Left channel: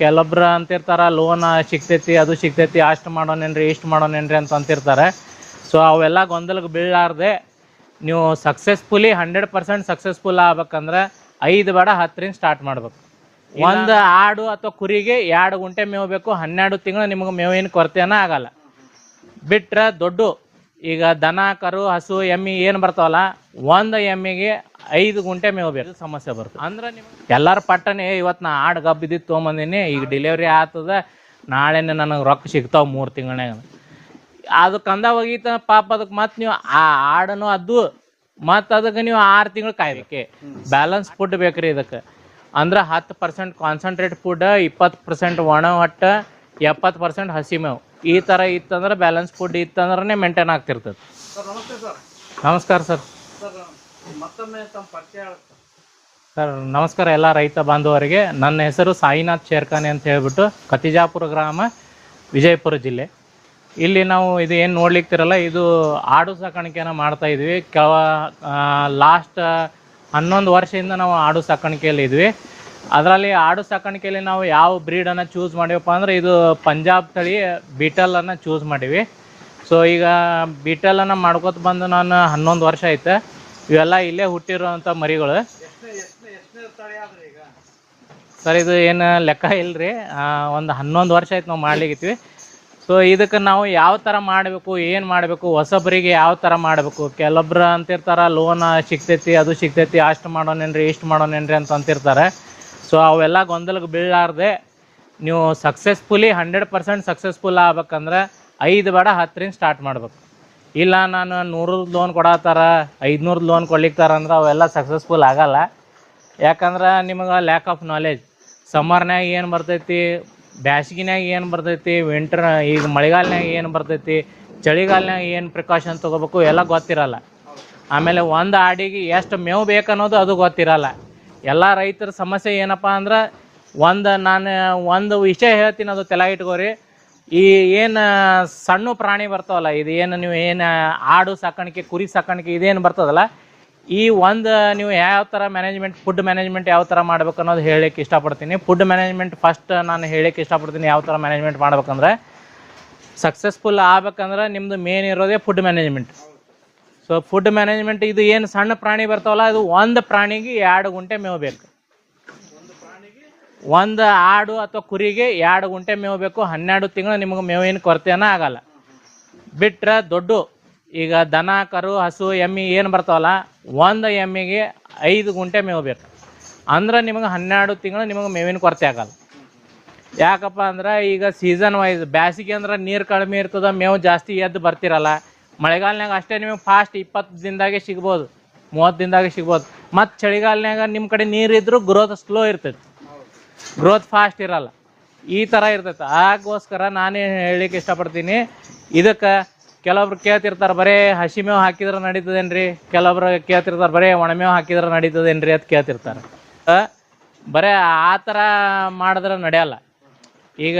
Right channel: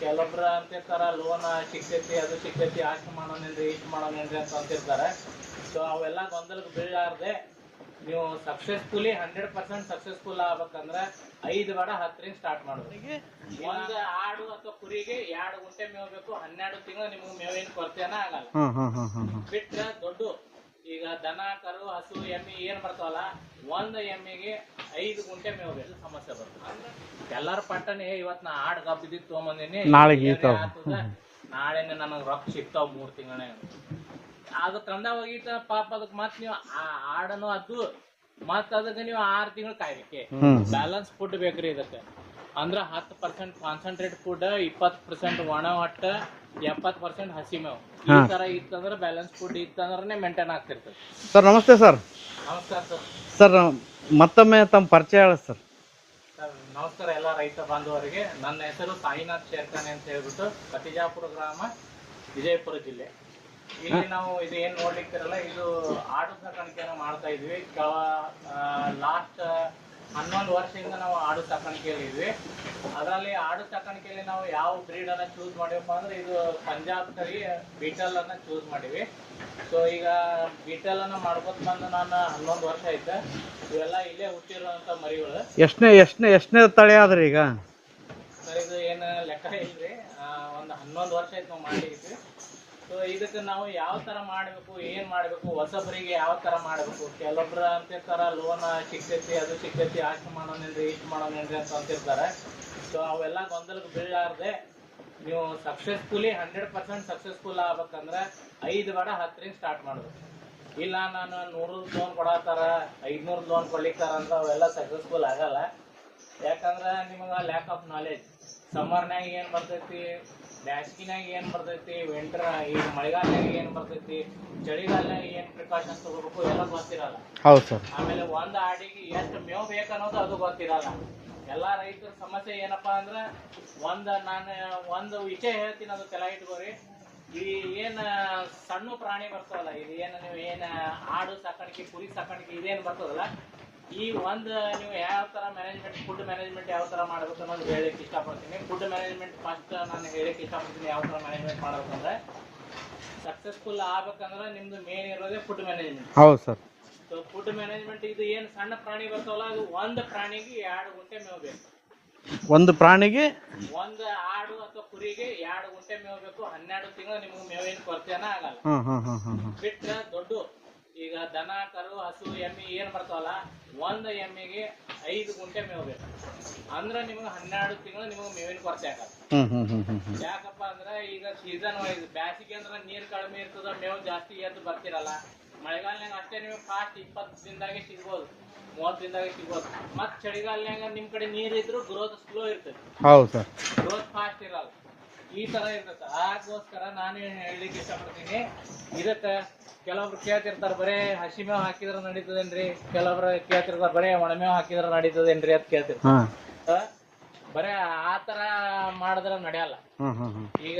ಕೆಲವೊಬ್ರು ಅಂತಿರ್ತಾರ ಲೋನ್ ಸಿಗ್ತೈತಿ ಅದು ಸಿಗ್ತೈತಿ ಅಷ್ಟು ಮಾಡೋನೇನ್ರಿ ಇಷ್ಟು ಮಾಡೋನೇನ್ರಿ ಅಂತ ಅಂತಿರ್ತಾರೆ. ಸೊ ಅವೆಲ್ಲ ಗೊಂದಲಕ್ಕೆ ಬೀಳಲಾರ್ದೆ ನೀವು ಸಕ್ಸಸ್ಫುಲಿ 100% ಸಕ್ಸಸ್ಫುಲ್ ಆಗ್ಬೇಕಂದ್ರೆ 5 ಬೇಡ 10ರಿಂದ ಸ್ಟಾರ್ಟ್ ಮಾಡ್ಬೇಕು. ಒಂದು ಆಡು ಅಥವಾ ಕುರಿಗೆ 2 ಗುಂಟೆ ಮೇವು ಬೇಕು. 12 ತಿಂಗಳು ನಿಮ್ಗೆ ಮೇವಿನ ಕೊರತೆನ ಆಗಲ್ಲ. ಬಿಟ್ರೆ ದೊಡ್ಡ ಈಗ ದನ ಕರು ಹಸು ಎಮ್ಮಿ ಏನು ಬರ್ತಾವಲ್ಲ, ಒಂದು ಎಮ್ಮಿಗೆ 5 ಗುಂಟೆ ಮೇವು ಬೇಕು. ಸಮಸ್ಯೆ ಬರ್ತದೆ ಅಂದ್ರೆ ಎಲ್ಲಾರ ಪಟ್ಟನೆ ಇವತ್ತು ನಾ ಆಡು ಗಬ್ಬಿದ್ದು ತೊಗೊಂಬಂದಿನಿ, ಡೆಲಿವರಿ ಆಗ್ತದ, ನಾಳೆನೆ ನನಗೆ ರೊಕ್ಕ ಸಿಗ್ತಾವ 3 ತಿಂಗಳಾಗ. ಅದು ಕಂದ ಹೋಗಿತ್ತ ಪಾಪ, ಅದಕ್ಕೆ ಮತ್ತೆ ನೀವು ಆ ಆಡನು ಅದು ಮತ್ತು ಅದಕ್ಕೆ ನೀವು 6 ತಿಂಗಳು ಕಾಯ್ಬೇಕೆ. ಬ್ಯಾಲೆನ್ಸ್ ಫುಡ್ ಬೇಕ್ರಿ ಇದಕ್ಕೆ. ಅಂದ್ರೆ 10% ಕಾನ್ಸಂಟ್ರೇಟ್ ಫುಡ್, 20% ಒಣ ಹೊಟ್ಟ, 70% ಹಸಿ ಮೇವು. ಈ ಥರ ಇತ್ತಂದ್ರೆ ಬ್ಯಾಲೆನ್ಸ್ ಫುಡ್ ಇತ್ತಂದ್ರೆ ಮೇಂಟೈನ್ ಆಗ್ತಿರ್ತದೆ. ಸರ್ ನಮಸ್ತೆ ಸರ್. ನಮಸ್ಕಾರ ಸರ್. ಸರ್ ಮತ್ತೊಮ್ಮೆ ತಮ್ಮ ಪರಿಚಯ ಹೇಳಿ ಸರ್. ಸರ್ ನಮಸ್ಕಾರ ಎಲ್ಲ ರೈತ ಬಾಂಧವರಿಗೆ. ನನ್ನ ಹೆಸರು ಸಾಯಿನಾಥ್ ಶೇರ್ಖಾನೆ ಅಂತ ಹೇಳ್ಬಿಟ್ಟು, ಕತಿಜಾಪುರ ಗ್ರಾಮ, ವಿಜಯಪುರ ಜಿಲ್ಲೆ. ಇಲ್ಲಿ ನಾವು ಇದು ಏನು ನೋಡ್ಲಿಕ್ತಿರಲ್ಲ, ಇದು ಆಡು ಸಾಕಾಣಿಕೆನ ಮಾಡ್ತಾ ಇದ್ವಿ. ಲಾಸ್ಟ್ 11 ವರ್ಷದಿಂದ ನಾವು ಆಡು ಸಾಕಾಣಿಕೆಯಲ್ಲಿ ಇದ್ವಿ. ಅದರಲ್ಲಿ ಆಡು ಸಾಕಾಣಿಕೆಯಲ್ಲಿ ನಾವು ಯಾವ ಬ್ರೀಡನ್ನು ಚೂಸ್ ಮಾಡಿವಪ್ಪ ಅಂದ್ರೆ ಇದು ಪಂಜಾಬ್ ತಳಿ ಬೀಟಲನ್ನು ಚೂಸ್ ಮಾಡೀವಿ. ಸೊ ಈಗ ಬೀಟಲನ್ನು ಮಾಡ್ಕೊತ ಬಂದು ನಾನು 11 ವರ್ಷ ಐತೆ. ಇವೆಲ್ಲ ಇಲ್ಲೇ ಹುಟ್ಟಿರೋವಂಥ ಮರಿಗಳು. ಎಷ್ಟನೇ ತಳಿ ಆದ್ರಿ ಈಗ? ಸರ್ ಇದು ಏನು ಲೆಕ್ಕ ಇಲ್ಲರಿ, ಒಂದು 11 ವರ್ಷ ಆಯ್ತು ನಾವು ಮಾಡ್ಲಿಕ್ಕಿದ್ವಿ. ಸೊ ಇದಕ್ಕೆ ನಾವು ಯಾವ ಥರ ಮಾಡಬೇಕು, ಏನು ಮಾಡಬೇಕು, ಹೊಸಬರಿಗೆ ಯಾವ ಥರ ಮಾಡಬೇಕು. ಕೆಲವೊಬ್ರು ಅಂತಿರ್ತಾರೆ ಲೋನ್ ಸಿಗ್ತೈತಿ ಅದು ಸಿಗ್ತೈತಿ ಅಷ್ಟು ಮಾಡೋನೇನ್ರಿ ಇಷ್ಟು ಮಾಡೋನೇನ್ರಿ ಅಂತ ಅಂತಿರ್ತಾರೆ. ಸೊ ಅವೆಲ್ಲ ಗೊಂದಲಕ್ಕೆ ಬೀಳಲಾರ್ದೆ ನೀವು ಸಕ್ಸಸ್ಫುಲಿ 100% ಸಕ್ಸಸ್ಫುಲ್ ಆಗ್ಬೇಕಂದ್ರೆ 5 ಬೇಡ 10ರಿಂದ ಸ್ಟಾರ್ಟ್ ಮಾಡ್ಬೇಕು. ಇಲ್ಲ ನಾನು 100 ಲೋನ್ ಕೊಡತ್ತಾರ 500 ಲೋನ್ ಕೊಡ್ಲಿಕ್ತಾರ ಅಂದ್ರೆ ಅವೆಲ್ಲ ಸಕ್ಸಸ್ಫುಲ್ ಆಗಲ್ಲ. ಯಾಕಂದ್ರೆ ನಿಮಗೆ ಲ್ಯಾಕ್ ಆಫ್ ನಾಲೆಜ್. ಸಮ್ಮರ್ನಾಗ ಏನು ಬರ್ತೈತಿ, ಬ್ಯಾಸಿಗಿನಾಗ ಏನು ಬರ್ತೈತಿ, ವಿಂಟರ್ ಈಗ ಮಳೆಗಾಲನಾಗ ಏನು ಬರ್ತೈತಿ, ಚಳಿಗಾಲನಾಗ ಏನು ಪ್ರಿಕಾಷನ್ ತೊಗೋಬೇಕು ಎಲ್ಲ ಗೊತ್ತಿರಲ್ಲ. ಹೌದು ಸರ್. ಆಮೇಲೆ ಒಂದು ಆಡಿಗೆ ಎಷ್ಟು ಮೇವು ಬೇಕನ್ನೋದು ಅದು ಗೊತ್ತಿರಲ್ಲ. ಎಲ್ಲ ರೈತರ ಸಮಸ್ಯೆ ಏನಪ್ಪ ಅಂದ್ರೆ, ನಾನು ಒಂದು ವಿಷಯ ಹೇಳ್ತೀನಿ, ಅದು ತಲೆ ಇಟ್ಕೋರಿ. ಈ ಏನು ಸಣ್ಣ ಪ್ರಾಣಿ ಬರ್ತಾವಲ್ಲ, ಇದು ಏನು ನೀವು ಏನು ಆಡು ಸಾಕಾಣಿಕೆ ಕುರಿ ಸಾಕಾಣಿಕೆ ಇದೇನು ಬರ್ತದಲ್ಲ, ಈ ನೀವು ಯಾವ ಥರ ಮ್ಯಾನೇಜ್ಮೆಂಟ್, ಫುಡ್ ಮ್ಯಾನೇಜ್ಮೆಂಟ್ ಯಾವ ಥರ ಮಾಡ್ಬೇಕು ಅನ್ನೋದು ಹೇಳಲಿಕ್ಕೆ ಇಷ್ಟಪಡ್ತೀನಿ. ಫುಡ್ ಮ್ಯಾನೇಜ್ಮೆಂಟ್ ಫಸ್ಟ್ ನಾನು ಹೇಳಕ್ಕೆ ಇಷ್ಟಪಡ್ತೀನಿ. ಯಾವ ಥರ ಮ್ಯಾನೇಜ್ಮೆಂಟ್ ಮಾಡ್ಬೇಕಂದ್ರೆ, ಸಕ್ಸಸ್ಫುಲ್ ಆಗ್ಬೇಕಂದ್ರೆ ನಿಮ್ಮದು ಮೇನ್ ಇರೋದೇ ಫುಡ್ ಮ್ಯಾನೇಜ್ಮೆಂಟ್. ಹೌದು ಸರ್. ಸೊ ಫುಡ್ ಮ್ಯಾನೇಜ್ಮೆಂಟ್ ಇದು ಏನು ಸಣ್ಣ ಪ್ರಾಣಿ ಬರ್ತಾವಲ್ಲ, ಅದು ಒಂದು ಪ್ರಾಣಿಗೆ 2 ಗುಂಟೆ ಮೇವು ಬೇಕು. ಒಂದು ಪ್ರಾಣಿಗೆ ಒಂದು ಆಡು ಅಥವಾ ಕುರಿಗೆ 2 ಗುಂಟೆ ಮೇವು ಬೇಕು. 12 ತಿಂಗಳು ನಿಮಗೆ ಮೇವಿನ ಕೊರತೆನ ಆಗಲ್ಲ. ಬಿಟ್ರೆ ದೊಡ್ಡ ಈಗ ದನ ಕರು ಹಸು ಎಮ್ಮಿ ಏನು ಬರ್ತಾವಲ್ಲ, ಒಂದು ಎಮ್ಮಿಗೆ 5 ಗುಂಟೆ ಮೇವು ಬೇಕು. ಅಂದ್ರೆ ನಿಮಗೆ 12 ತಿಂಗಳು ನಿಮಗೆ ಮೇವಿನ ಕೊರತೆ ಆಗಲ್ಲ. ಯಾಕಪ್ಪ ಅಂದ್ರೆ ಈಗ ಸೀಸನ್ ವೈಸ್, ಬ್ಯಾಸಿಗೆ ಅಂದ್ರೆ ನೀರು ಕಡಿಮೆ ಇರ್ತದ, ಮೇವು ಜಾಸ್ತಿ ಎದ್ದು ಬರ್ತಿರಲ್ಲ. ಮಳೆಗಾಲನಾಗ ಅಷ್ಟೇ ನಿಮಗೆ ಫಾಸ್ಟ್ 20 ದಿನದಾಗೆ ಸಿಗ್ಬೋದು, 30 ದಿನದಾಗೆ ಸಿಗ್ಬೋದು. ಮತ್ತು ಚಳಿಗಾಲನಾಗ ನಿಮ್ಮ ಕಡೆ ನೀರು ಇದ್ರೂ ಗ್ರೋತ್ ಸ್ಲೋ ಇರ್ತೈತಿ. ಹೌದು ಸರ್. ಗ್ರೋತ್ ಫಾಸ್ಟ್ ಇರಲ್ಲ. ಈ ಥರ ಇರ್ತೈತೆ. ಅದಕ್ಕೋಸ್ಕರ ನಾನೇ ಹೇಳಲಿಕ್ಕೆ ಇಷ್ಟಪಡ್ತೀನಿ. ಇದಕ್ಕೆ ಕೆಲವೊಬ್ರು ಕೇಳ್ತಿರ್ತಾರೆ ಬರೀ ಹಸಿ ಮೇವು ಹಾಕಿದ್ರೆ ನಡೀತದೇನ್ರಿ, ಕೆಲವೊಬ್ರು ಕೇಳ್ತಿರ್ತಾರೆ ಬರೀ ಒಣಮೇವು ಹಾಕಿದ್ರೆ ನಡೀತದೇನ್ರಿ ಅಂತ ಕೇಳ್ತಿರ್ತಾರೆ. ಬರೇ ಆ ಥರ ಮಾಡಿದ್ರೆ ನಡೆಯಲ್ಲ. ಈಗ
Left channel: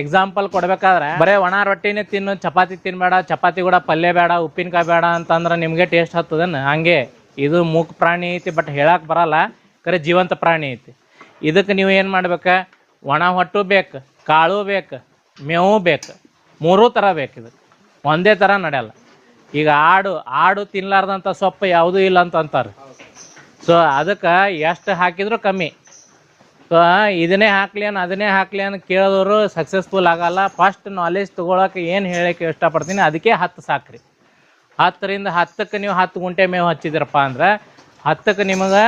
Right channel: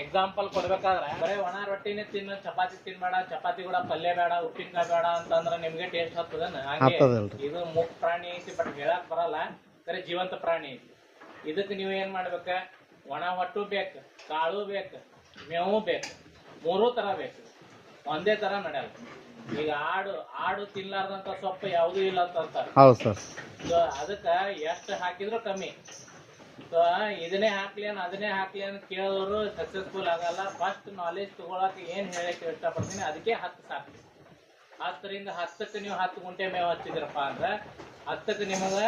ಎಕ್ಸಾಂಪಲ್ ಕೊಡ್ಬೇಕಾದ್ರೆ ಬರೇ ಒಣ ರೊಟ್ಟಿನೇ ತಿನ್ನು, ಚಪಾತಿ ತಿನ್ಬೇಡ, ಚಪಾತಿ ಕೂಡ ಪಲ್ಯ ಬೇಡ, ಉಪ್ಪಿನಕಾಯಿ ಬೇಡ ಅಂತಂದ್ರೆ ನಿಮ್ಗೆ ಟೇಸ್ಟ್ ಹತ್ತದನ್? ಹಂಗೆ ಇದು ಮೂಕ್ ಪ್ರಾಣಿ ಐತಿ, ಬಟ್ ಹೇಳಕ್ ಬರಲ್ಲ, ಕರೆ ಜೀವಂತ ಪ್ರಾಣಿ ಐತಿ. ಇದಕ್ಕೆ ನೀವು ಏನು ಮಾಡ್ಬೇಕ, ಒಣ ಹೊಟ್ಟು ಬೇಕು, ಕಾಳು ಬೇಕು, ಮೇವು ಬೇಕು, 3 ಥರ ಬೇಕು. ಇದು ಒಂದೇ ಥರ ನಡೆಯಲ್ಲ. ಈಗ ಆಡು ತಿನ್ಲಾರ್ದಂಥ ಸೊಪ್ಪು ಯಾವುದೂ ಇಲ್ಲ ಅಂತ ಅಂತಾರೆ. ಹೌದು ಸರ್. ಸೊ ಅದಕ್ಕೆ ಎಷ್ಟು ಹಾಕಿದ್ರು ಕಮ್ಮಿ. ಸೊ ಇದನ್ನೇ ಹಾಕ್ಲಿ ಅದನ್ನೇ ಹಾಕ್ಲಿ ಅಂತ ಕೇಳಿದವರು ಸಕ್ಸಸ್ಫುಲ್ ಆಗಲ್ಲ. ಫಸ್ಟ್ ನಾಲೆಜ್ ತೊಗೊಳಕ್ಕೆ ಏನು ಹೇಳಕ್ಕೆ ಇಷ್ಟಪಡ್ತೀನಿ, ಅದಕ್ಕೆ 10 ಸಾಕ್ರಿ. 10ರಿಂದ 10ಕ್ಕೆ ನೀವು 10 ಗುಂಟೆ ಮೇವು ಹಚ್ಚಿದ್ರಪ್ಪ ಅಂದ್ರೆ 10ಕ್ಕೆ ನಿಮಗೆ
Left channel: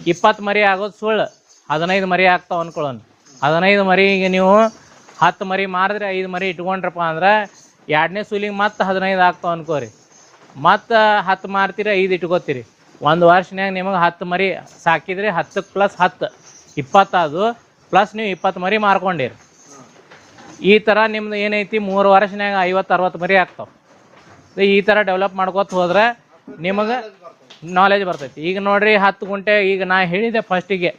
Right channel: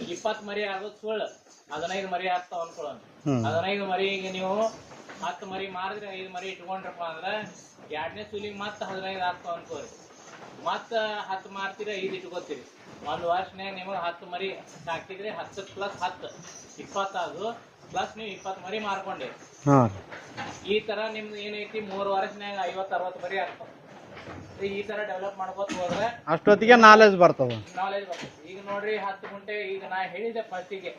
20 ಮರಿ ಆಗೋದು ಸುಳ್ಳು, 15 ಮರಿ ಆಗ್ತಾವ ಅನ್ಕೊಳ್ಳೋಣ. 15 ಮರಿಗೆ ನೀವು 10 ಮರಿ ಮಾರಿದ್ರೆ 5 ಮರಿ ಇಟ್ಕೊಂಡ್ರಪ್ಪ ಅಂದ್ರೆ 2ನೇ ಸೂಲಿಗೆ ಮತ್ತೆ 15 ಆಗ್ತಾವ ಅನ್ಕೋರಿ. ಮತ್ತು 10 ಮಾರ್ತೀರಿ, 5 ಇಟ್ಕೋತೀರಿ. ಒಂದು ವರ್ಷನ್ಯಾಗ ನಿಮಗೆ 10 ಮರಿ ಸಾಕಿದ್ರಿ, 10 + 10 20 ಅದು, ಪ್ಲಸ್ ನೀವು 20 ಮರಿ ಮಾರ್ಕೊಂಡಿರಿ. ಈ ಥರ ನಿಮ್ದು ಏನೈತಿ 3 ವರ್ಷನ್ಯಾಗ 50-60 ಮರಿ ಆಗ್ತಾವ. ಈ ಥರ ಡೆವಲಪ್ ಮಾಡ್ಕೋತ ಹೋದ್ರೆ ಅಷ್ಟೊತ್ತಿಗೆ ನಾಲೆಜ್ ಬರ್ತೈತಿ. ಈಗ ನೋಡ್ರಿ 10 ಗುಂಟೆ, ಈಗ ನಾ ಹೇಳಿದೆ ಫಸ್ಟಿಗೆ,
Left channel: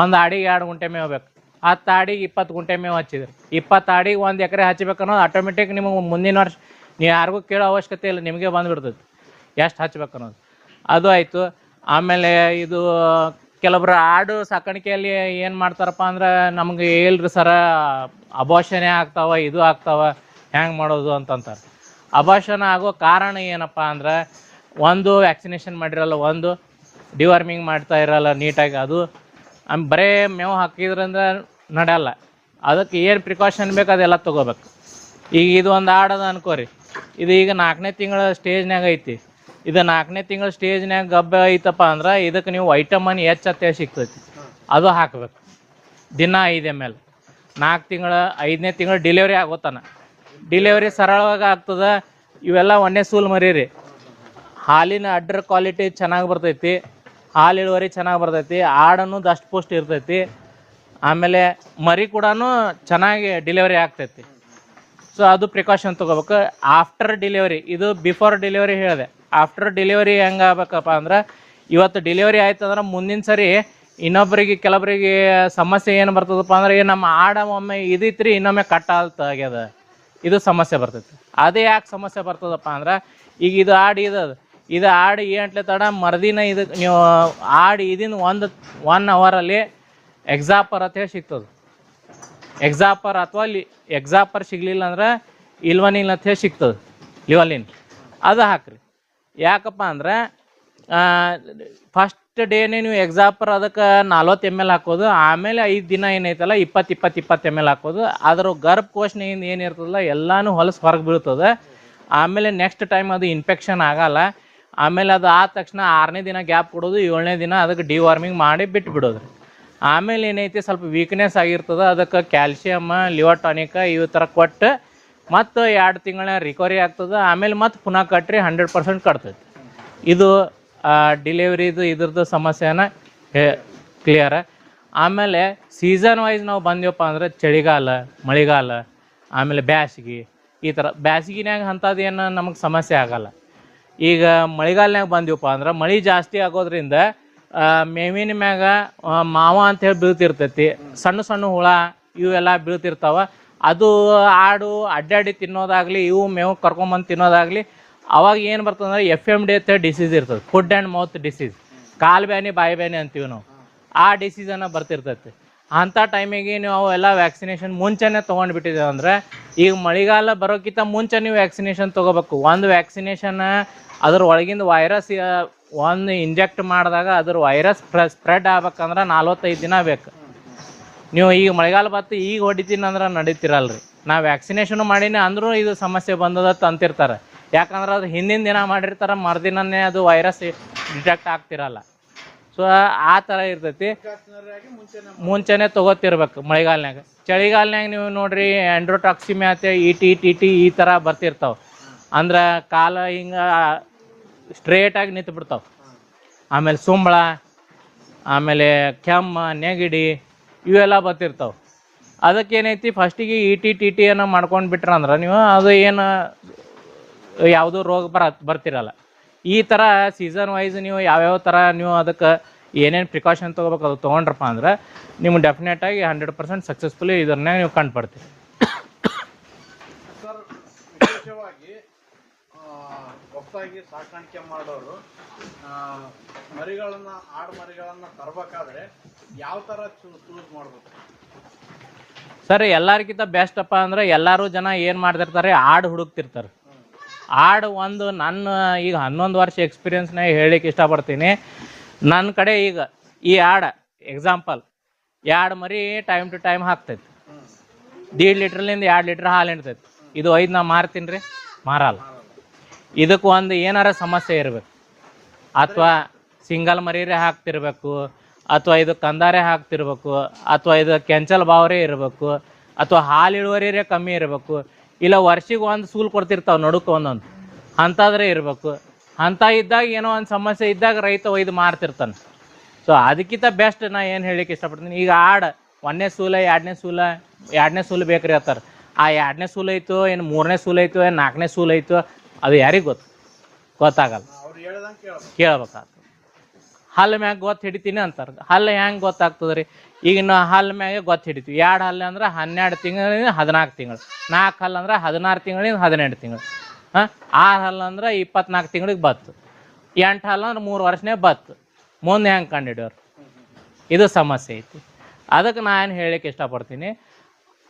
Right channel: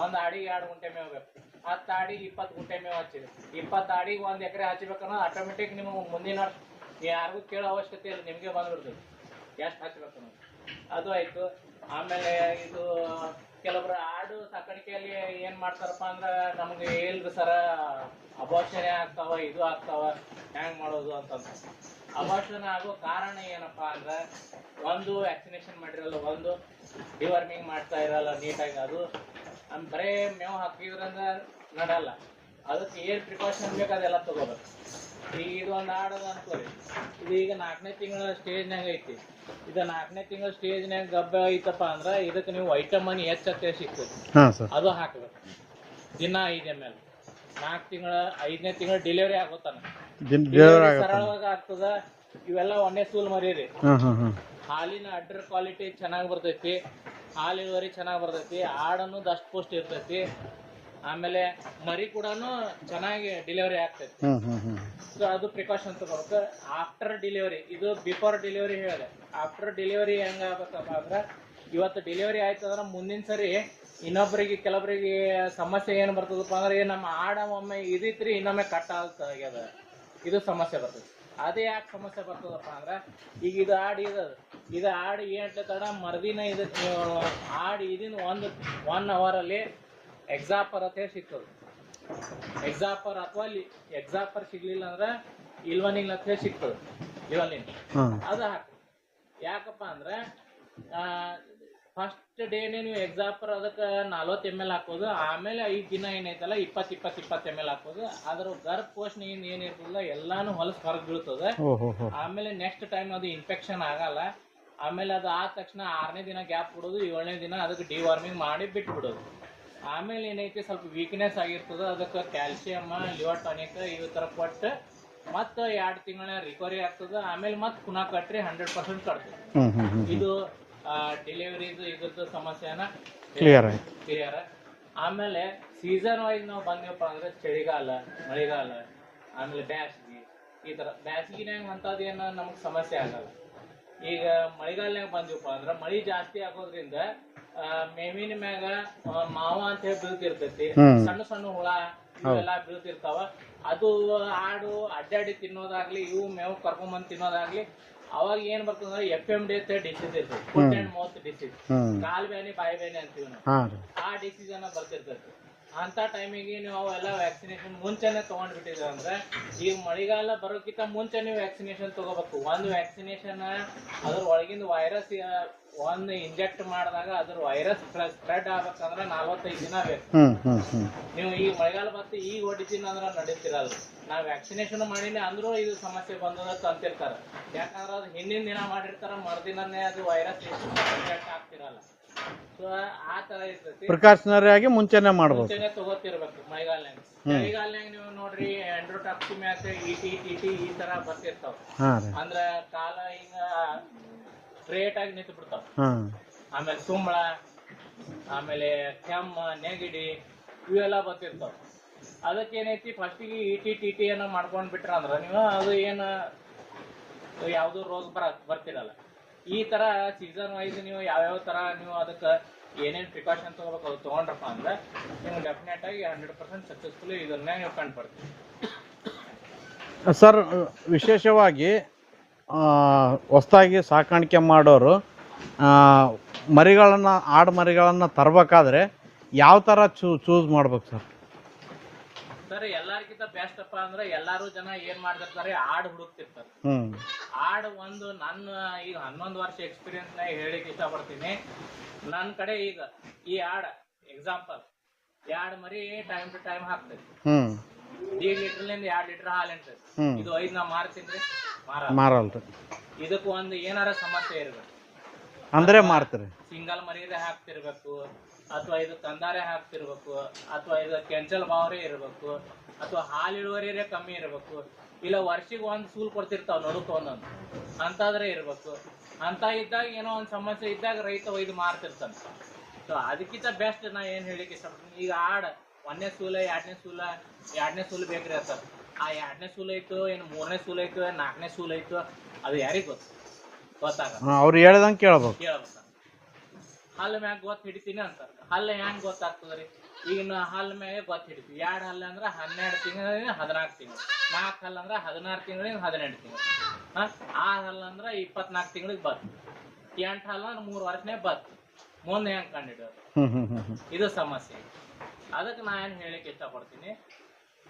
ಒಂದು ಆಡಿಗೆ 2 ಗುಂಟೆ ಮೇವು ಬೇಕು. 10 ಆಡಿಗೆ 20 ಗುಂಟೆ ಮೇವು ಹಚ್ಚಿದ್ರಿ. 20 ಆಡಿಗೆ 1 ಎಕರೆ ಹಚ್ಬೇಕನ್ನೋದು ಆಟೋಮೆಟಿಕ್ ನಿಮಗೆ ಮುಂದಿನ ವರ್ಷ ನೀವು ಯಾರಿಗೂ ಕೇಳೋ ಅವಶ್ಯಕತೆ ಇಲ್ಲ, ನಿಮಗೆ ಬಂದುಬಿಡ್ತೈತಿ ಎಷ್ಟು ಹಚ್ಬೇಕನ್ನೋದು. ಅದು ಆಯಿತು. ಆಮೇಲೆ ಇದು ಕೆಲವೊಬ್ರು ಆಡು ಸಾಕಾಣಿಕೆಯಲ್ಲಿ ಏನು ಮಾಡ್ತಾರಪ್ಪ ಅಂದ್ರೆ ನಮ್ಗೆ ಇಲ್ರಿ ಸರ ಅಬೋಷಣೆ ಆಗ್ತಾವ ಇದು ಆಗ್ತಾವ ಹ್ಯಾಂಗೆ ಮಾಡೋದು ಅಂತಂತಾರೆ. ಅಬೋಷಣ ಆಗೋ ಕಾರಣ ಏನಪ್ಪ ಅಂದ್ರೆ ಒಂದು ವ್ಯಾಕ್ಸಿನೇಷನ್ ಮಾಡಿರಲ್ಲ, ಒಂದು ಡಿವಾರ್ಮಿಂಗ್ ಮಾಡ್ತಾ ಇರಲ್ಲ ನೀಟಾಗಿ, ಅದು ಬರೇ ಮೇವು ಹಾಕಿದ್ರಿಂದ ನಡೆಯಲ್ಲ. ಅದಕ್ಕೆ ಏನು ಪ್ರಿಕಾಷನ್ ಬೇಕು ಅದೆಲ್ಲ ತೊಗೋಬೇಕು. ಈಗ ಇದು ಒಂದು ಆಡದ ಅನ್ಕೋರಿ, ಇದು ಈಗ 4ನೇ ತಿಂಗಳ ಸ್ಟೇಜ್ನಾಗ ಐತಿ. ಇದು 4ನೇ ತಿಂಗಳ ಸ್ಟೇಜ್ನಾಗ ಗಬ್ಬ ಐತಪ್ಪ ಅಂದ್ರೆ ಇದಕ್ಕೆ ನೀವು ವೈಟಮಿನ್ ಎಚ್ ಅಂತ ಸಿಗ್ತೈತಿ, ಅದು ಹಾಕ್ಬೇಕು ದಿನ 5 ml. 4 ತಿಂಗಳ 5ನೇ ತಿಂಗಳ ಡೆಲಿವರಿ ಆಗೋತನ ಡೆಲಿವರಿ ಸರಳವಾಗಿ ಆಗ್ತದ. ಇವೆಲ್ಲ ಒಂದೇ ಸೂಲ್ ಮರೀರಿ. ಹಾಲಿನ ಅಡ್ಡರ್ ಕ್ವಾಲಿಟಿ ಚೆನ್ನಾಗಿ ಬರ್ತೈತಿ, ಹಾಲು ಇಳುವರಿ ಚೆನ್ನಾಗಿ ಬರ್ತೈತಿ, ಆಡನ್ನು ದಷ್ಟು ಪುಷ್ಟ ಇರ್ತೈತಿ, ಆಮೇಲೆ ಮರಿ ಕೂಡ ಚೆನ್ನಾಗಿ ಡೆಲಿವರಿ ಆಗ್ತೈತಿ. ಸೊ ಅದು ಪ್ರಿಕಾಷನ್ ತೊಗೋಬೇಕು. ಆಫ್ಟರ್ ಡೆಲಿವರಿ, ಇದು ಬಿಫೋರ್ ಡೆಲಿವರಿ ಹೇಳಿದೆ. ಆಫ್ಟರ್ ಡೆಲಿವರಿ ಹೆಂಗೆ ಆಗ್ಬೇಕಪ್ಪ ಅಂದ್ರೆ ಇವತ್ತು ಡೆಲಿವರಿ ಆಯ್ತು ಅಂದ್ರೆ ಮುಂದಿನ ಸರಿ ಇನ್ನೊಬ್ಬರಿಗೆ ಕೆಲವರಿಗೆ ಸಮಸ್ಯೆ ಏನು ಬರ್ತದಪ್ಪ ಅಂದ್ರೆ ನಮ್ಮ ಆಡ ಒಮ್ಮೆ ಇದಿತ್ರಿ ಇನ್ನೊಮ್ಮೆ ಕಟ್ಟಾಗ್ಯದ, ಇದು ಸಮಸ್ಯೆ ಬರ್ತೈತಿ. ಅದೇ ಯಾಕೆ ಸಮಸ್ಯೆ ಬರ್ತದಪ್ಪ ಅಂದ್ರೆ ಈಗ ಇದು ಆಡು ಇದು ಆಡು ಏಂಟ್ಲೆ ತಡ ಮರ್ದಿನ ಇದು ನೀವು ಆಡು ಇದೀನ 1 ಅವರಲ್ಲಿ ಎಕ್ಸಾಪರ್ ಅಂತ ಹೇಳಿ ಸಿಗ್ತದೆ. ಎಕ್ಸಾಪರ್ ಅಥವಾ ಎಕ್ಸಾಪರ್ ಸಿಗ್ಲಿಲ್ಲ ಅಂದ್ರೆ ಇಲ್ವನಿನ್ ಅಂತ ಹೇಳಿ ಸಿಗ್ತದೆ, ಲಿವಲಿನ್, ಅದು ಹಾಕ್ರಿ. ಯಾಕಪ್ಪ ಅಂದ್ರೆ ಫಸ್ಟ್ ಡೇನೇ ನೀವು ಎಕ್ಸಾಪರ್ ಅದಕ್ಕೆ 40 ml ಹಾಕೋದು, ಆಮೇಲೆ 5 ದಿನ ಏನೈತಲ್ಲ 20 ml ಹಾಕೋದು. ಅದ್ರ ಗರ್ಭಕೋಶದಿಂದ ಏನಿರ್ತದಲ್ಲ ಎಲ್ಲಾನು ಹೊಲಸು ಹೊರಗೆ ಬೀಳ್ತದೆ. ಆಮೇಲೆ ನೆಕ್ಸ್ಟ್ ಟೈಮ್ ಅದು ಇನ್ಫೆಕ್ಷನ್ ಆಗಲ್ಲ. ಆಮೇಲೆ ಅದು ಆದ ತಕ್ಷಣ 6ನೇ ದಿನ ಗ್ಯಾಪ್ ಕೊಡೋದು, 7ನೇ ದಿನ ಅದಕ್ಕೆ ಡಿವಾರ್ಮಿಂಗ್ ಮಾಡಿ ಬಿಟ್ಟು ಬಿಡೋದು. ಆಮೇಲೆ ಏನೈತಿ ಸ್ವಲ್ಪ ವೀಕ್ನೆಸ್ ಆಗಿರ್ತದೆ, ಅದಕ್ಕೆ ಕ್ಯಾಲ್ಸಿಯಮ್, ಲಿವರ್ ಟಾನಿಕ್ ಇವು ಥರ ಕೊಟ್ಟು ಮತ್ತು 2 ತಿಂಗಳ ರಿಕವರಿ ಆಗ್ತದೆ. ಆಮೇಲೆ ಮತ್ತೆ ಪುನಃ ಕಟ್ರಿ 100% ಕಟ್ತದೆ. ಇದು ಡಿಲಿವರಿದು ಇದ್ರದ್ದು ಸಮಸ್ಯೆನ ಕ್ಲಿಯರ್. ಆಮೇಲೆ ಸೀಸನ್ ವೈಸ್ ನಾವು ಬಂದೆವಪ್ಪ ಅಂದ್ರೆ ಚಳಿಗಾಲ, ಮಳೆಗಾಲ, ಆಮೇಲೆ ಬ್ಯಾಸಿಗೆ, ಈ ಥರ ಬ್ಯಾಸಿಗಿನ್ಯಾಗ ಅಂಥದ್ದು ಏನು ನಮಗೆ ಸಮಸ್ಯೆ ಆಗಲ್ಲ. ಈಗ ಮಳೆಗಾಲನ್ಯಾಗ ಬಂದೀವಪ್ಪ ಅಂದ್ರೆ ಮಳೆ ಜಾಸ್ತಿ ಆಗೋದ್ರಿಂದ ಮೇವಿನ ಮ್ಯಾಗ ಮಾವ ಅಂತ ಹೇಳಿ ಬೀಳ್ತಿರ್ತೈತಿ, ಸಣ್ಣ ಸಣ್ಣ ಹುಳ ಇವೆಲ್ಲ ಬೀಳ್ತಿರ್ತಾವ. ಅದು ಆಡು ಅಡ್ಡಾಡಿ ತಿನ್ನೋದಾಗ್ಲಿ, ಇವು ಮೇವು ಕರ್ಕೊಂಬಂದು ತಿನ್ನೋದಾಗ್ಲಿ, ಅವಾಗ ಏನು ಬರ್ತದಂದ್ರೆ FMD ಅಂತ ಡಿಸೀಸ್ ಇರ್ತದೆ, ಫುಡ್ ಆ್ಯಂಡ್ ಮೌತ್ ಡಿಸೀಸ್, ಕಾಲು ಬ್ಯಾನಿ ಬಾಯಿ ಬ್ಯಾನಿ ಅಂತೀವಿ ನಾವು. ಆ ಡಿಸೀಸ್ ಅನ್ನ ಬರ್ತಿರ್ತೈತಿ. ಅಂಥ ಟೈಮಿಗೆ ನೀವು ಅವೆಲ್ಲ ವ್ಯಾಕ್ಸಿನೇಷನ್ ಮುಂಚೆನೆ ತೊಗೊಂಡ್ಬಿಟ್ಟಿದ್ದೇವೆ ಅಂದ್ರೆ ಈಗ ಮಳೆಗಾಲ ಬರೋಕ್ಕಿಂತ ಮುಂಚೆ ನೀವು ವ್ಯಾಕ್ಸಿನೇಷನ್ ತೊಗೋಬೇಕು. ಒಂದು ವ್ಯಾಕ್ಸಿನೇಷನ್ ಅದ್ರ ಒಳಗಿಂದ ವೈರಸ್ ಒಂದು ಇಂಜೆಕ್ಟ್ ಮಾಡಿದಾಗ ಅದ್ರ ವೈರಸ್ ಸ್ಪ್ರೆಡ್ ಆಗ್ಬೇಕಂದ್ರೆ 45 ದಿನ ಬೇಕು. ನೀವು ಈಗ ಮಳೆಗಾಲ ಬತ್ತು ಈಗ ಹೊಡಿತೀನಿ ಅಂದ್ರೆ ನಡೀತಿರಲ್ರಿ. ನಾ ವ್ಯಾಕ್ಸಿನೇಷನ್ ಮಾಡೀನಿ ಅಂದ್ರೂ ಇದು ಸಮಸ್ಯೆ ಬಂದದತ್ತ ಅಂತಿರ್ತಾರೆ. ಯಾಕಂದ್ರೆ ಅದು ಹಿಂದಿನ ದಿನ ಮಾಡಿರ್ತಾರೆ, ಮರುದಿನನೇ ಅದು ವೈರಸ್ ಇಂಜೆಕ್ಟ್ ಆಗ್ತಿರಲ್ಲ. ಸೊ ಆ ಥರ ಇರ್ತೈತಿ. ಪ್ರಿಕಾಷನರಿ ಆಗಿ ಮುಂಚೆನೆ ತೊಗೋತಿರ್ಬೇಕು ಮಳೆಗಾಲನ್ಯಾಗ. ಚಳಿಗಾಲನ್ಯಾಗ ನೀವು ನೋಡ್ರಿ ಆಂಡ್ರೋಟಾಕ್ಸಿಮಿಯಾ ಅಂತ ET ಈ ಥರ ಬರ್ತಿರ್ತಾವ. ಅಂದ್ರೆ ಕಾಲ ಹಿಂಗ ಸ್ಟ್ರೇಟ್ ಆಗಿ ನಿಂತು ಬಿಡ್ತಾವ. ಆಮೇಲೆ ಸುಂಬಳ, ಆಮೇಲೆ ಕೆಮ್ಮ, ನೆಗಡಿ ಇವೆಲ್ಲ ಬರ್ತಿರ್ತಾವ. ಅದಕ್ಕೇನೈತಿ ಫಸ್ಟಿಗೆ ET ಅನ್ನ ಮಾಡ್ಕೊಂಡು ಬಿಟ್ರಂದ್ರೆ ನೀವು ಅದು ಏನು ಯಾವುದೋ ರೋಗ ಬರ್ತಿರಲ್ಲ. ಈ ಥರ ಸೀಸನ್ ವೈಸ್ ನೀವು ಯಾವ್ಯಾವ ಥರ ನೀವು ಅದಕ್ಕೆ ಏನೇನು ಪ್ರಿಕಾಷನ್ ತೊಗೋಬೇಕು ಅದು ತೊಗೊಂಡ್ರಪ್ಪ ಅಂದ್ರೆ ನಿಮ್ಗೆ ಡೆಫಿನೆಟಾಗಿ 100% ಸಕ್ಸಸ್ಫುಲಿ ಇದನ್ನೇ ನೀವು ಕಂಡುಪಡ್ತೀವಿ. ಸರ್, ವಿಶೇಷವಾಗಿ ಹೊಸದಾಗಿ ಸಾಕಾಣಿಕೆ ಮಾಡೋರು ಮರಿಗಳನ್ನು, ಆಡು ಮರಿಗಳನ್ನು ತರಬೇಕಾದ್ರೆ ಯಾವ ಥರ ಚೂಸ್ ಮಾಡ್ಬೇಕು ಸರ್? ಸರ್, ಎಲ್ಲರಿಗಿಂತ ಬೆಸ್ಟ್ ಅಪ್ಪ ಅಂದ್ರೆ ಎಲ್ಲರೂ ಜನ ಏನು ಮಾಡ್ತಿರ್ತಾರೆ, ಆಡು ಹುಡುಕ್ತಿರ್ತಾರೆ. ಆಡು ಒಂದು ನನ್ನ ಈಗ 11 ವರ್ಷ ಎಕ್ಸ್ಪೀರಿಯನ್ಸ್ನಾಗ ಹೇಳಿಕ್ಕೆ ಇಷ್ಟಪಡ್ತೀನಿ. ನನ್ನ ಕಡೆ ಈಗ ಈ ಎಕ್ಸಾಂಪಲ್ 2 ಮರಿ ಟೈಮ್ ಟು ಟೈಮ್ ಹಾಕ್ತೈತಿ. 1.5 ಲೀಟ್ರ್ಲಿಂದ 2 ಲೀಟ್ರ್ ಹಾಲು ಹಿಡ್ತೈತಿ. ಇದು 5 ನಾ ಮಾರ್ತೀನಿ, ಮಾರಲ್ರಿ. ಇದಕ್ಕೆ ಒಂದು ಏನಾರ ಸಮಸ್ಯೆ ಇರ್ಬೇಕು. ಸಿಂಗಲ್ ಮರಿರೇ ಹಾಕ್ತಿರ್ಬೇಕು, ಅಥವಾ ಇದು ಕಂದಾರೆ ಹಾಕ್ತಿರ್ಬೇಕು, ಅಥವಾ ಇದು ಕೆಂಚಲ್ ಬಾವರೇ ಇರಬೇಕು, ಅಥವಾ ಹಾಲು ಇಳುವರಿರೇ ಕಮ್ಮಿ ಇರಬೇಕು, ಇಲ್ಲ ವರ್ಷಿಗೆ ಒಂದು ಸೂಲ್ ಕೊಡ್ತಿರ್ತಾವೆ ನಡುಕ್ಕೆ ಒಂದೊಂದು, ಅಂಥದ್ರೇ ಇರಬೇಕು. ಅಂಥ ಇದ್ದಾಗ ಏನೋ ಒಂದು ಸಮಸ್ಯೆ ಇದ್ದಾಗ ರೈತ ಒಯ್ದು ಮಾರ್ತಿರ್ತಾನೆ. ಸೊ ಅದಕ್ಕಿಂತ ಬೆಸ್ಟ್ ನಾ ಏನು ಹೇಳಲಿಕ್ಕೆ ಇಷ್ಟಪಡ್ತೀನಿ, ಈಗ 1ನೇ ಸೂಲ 2ನೇ ಸೂಲು ಬೇಕ್ರಿ ಅಂತಾರೆ. ಆ 2ನೇ ಸೂಲು ಐತೋ ಏನು 3ನೇ ಸೂಲು ಐತೋ ಏನು 4ನೇ ಸೂಲು ಐತೋ ಅದು ಯಾರಿಗೆ ಗೊತ್ತಾಗಲ್ಲ. ಅವ್ರು ಹೇಳ್ದಂಗೆ ಕೇಳ್ಬೇಕಾಗ್ತದೆ. ಹಲ್ಲು ಮ್ಯಾಗ ಗೊತ್ತು ಹಿಡಿತೀನಿ ಅಂತಾರೆ. ಹಲ್ಲು ಹೆಂಗೆ ಗೊತ್ತಾಗ್ತದೆ ರೀ? ಈಗ ನಾವು ಹಲ್ಲು ಮ್ಯಾಗೆ ಗೊತ್ತು ಹಿಡಿತೀವಿ. 2 ಹಲ್ಲು ಅಂದ್ರೆ 12 ತಿಂಗಳಿಂದ 14 ತಿಂಗಳು, 4 ಹಲ್ಲು ಅಂದ್ರೆ 16 ತಿಂಗಳಿಂದ 18 ತಿಂಗಳು, 6 ಹಲ್ಲು ಅಂದ್ರೆ 24 ತಿಂಗಳಿಗೆ ಬತ್ತು, 8 ಹಲ್ಲು ಅಂದ್ರೆ 3 ವರ್ಷನೇ ಬತ್ತು. ಮುಂದೆ ಹೆಂಗೆ ಕಂಡು ಹಿಡಿಯೋರು? ಇದು ಸಮಸ್ಯೆ ಐತಿ. ಅದಕ್ಕೆ ನಾನು ಹೇಳಕ್ಕೆ ಇಷ್ಟಪಡ್ತೀನಿ,